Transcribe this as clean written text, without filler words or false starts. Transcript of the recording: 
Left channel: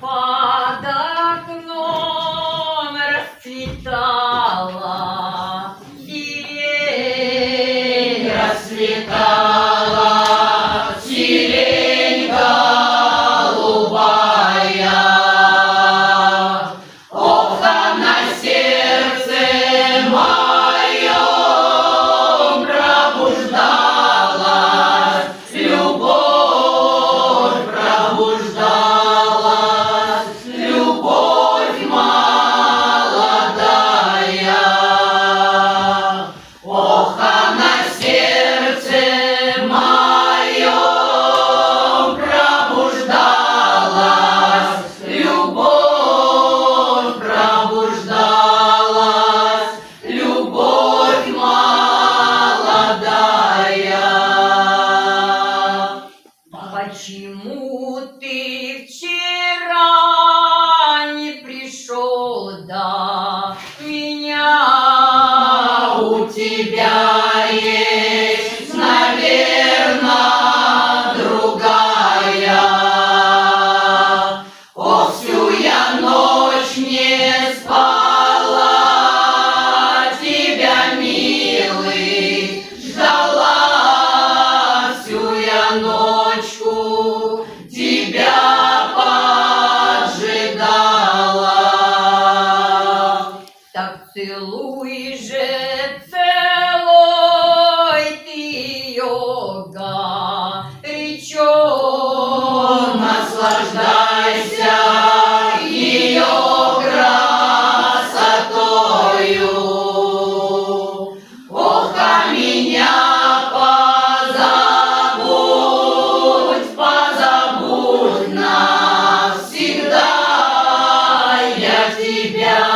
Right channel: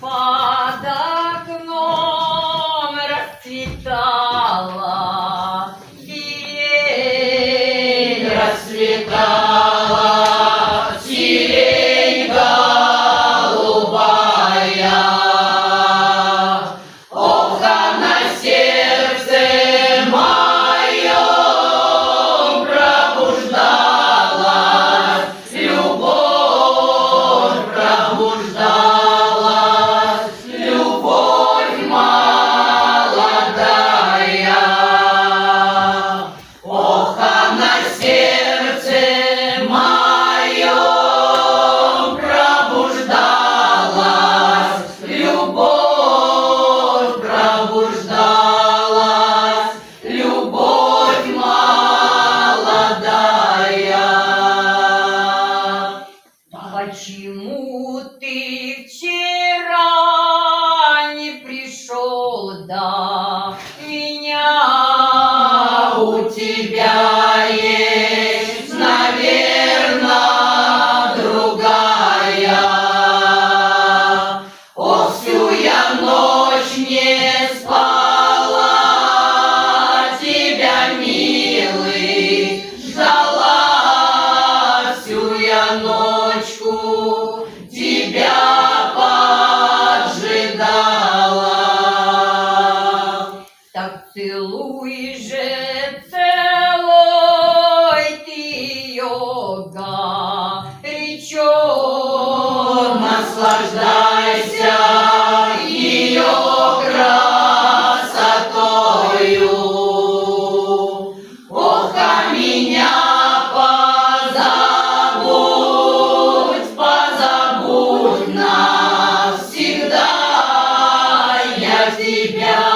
под окном расцветала сирень, расцветала сирень голубая. Ох, а на сердце моем пробуждалась любовь, пробуждалась любовь молодая. Ох, а на сердце моем пробуждалась любовь, пробуждалась любовь молодая. Почему ты вчера не пришел до меня? У тебя есть, наверное, другая. О, всю я ночь не спала, тебя, милый, ждала. Всю я ночку тебя поджидала. Так целуй же, целуй ты ее горячо. Наслаждайся ее красотою. Ох, а меня позабудь, позабудь навсегда. Я тебя